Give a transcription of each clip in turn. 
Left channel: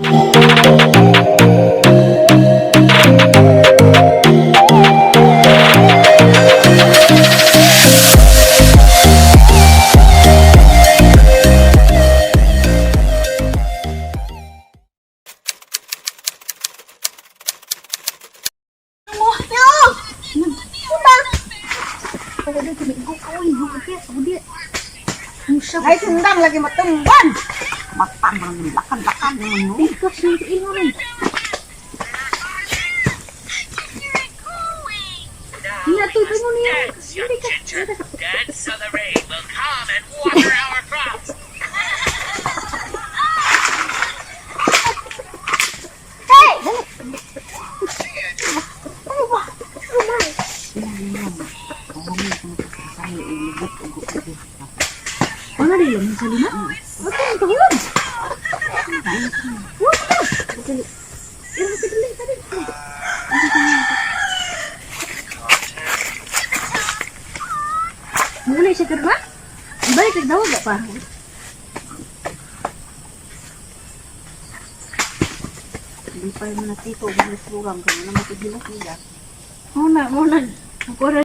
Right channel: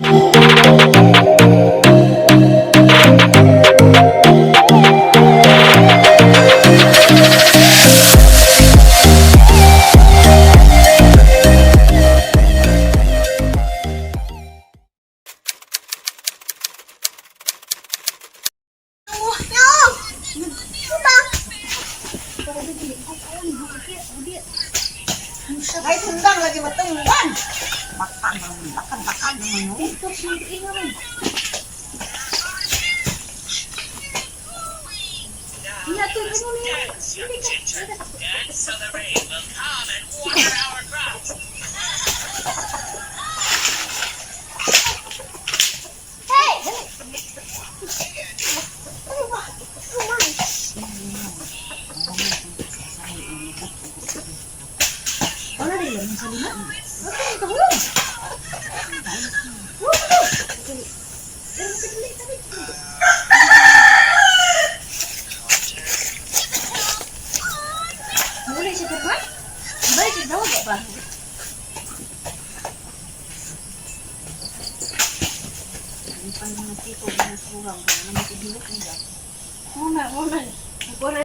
Ay, sundang lagi matunggan. Matambang lakan-lakan yung ano. Ikaw siya iwan rin. Natuto mo niya. Hindi ka. Dance so the rain will come and water our crops. Hey! Ano ba? Wala rin lang sa lima. Ako ang kahulog. Dali. Pero sa dali, dali. Mulai siya karma? Iba ito daw ba pa? Hindi pa yung natito. Bilis bugang. Kaya naman ito ginok niya. Muna. Pura.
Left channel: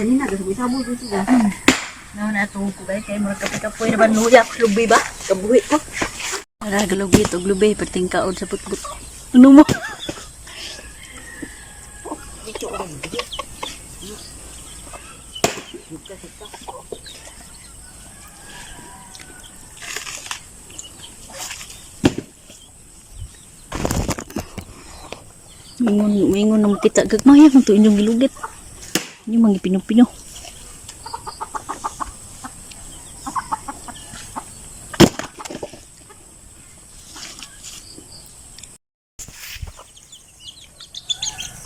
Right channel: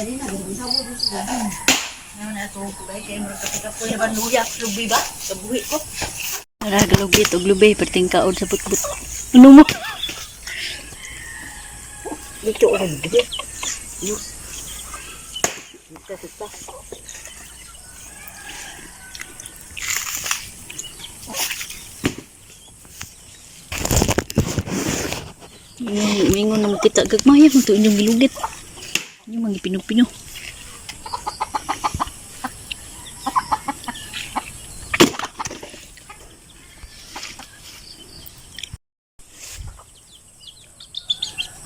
Ganina, gabi sabon ko siya. Natong ko kay magkapit-kapoy naman nuya ko lubi ba? Kabuhi ko. Ara galugi to lubi perting kaod sa putput. Ano mo? Dito orang dia. Mingon nang kita gagmaya kung to inyong gilugit. Inyong mga pino-pino.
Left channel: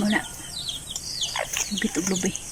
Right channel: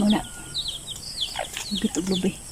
Mana? Lugit og lubi.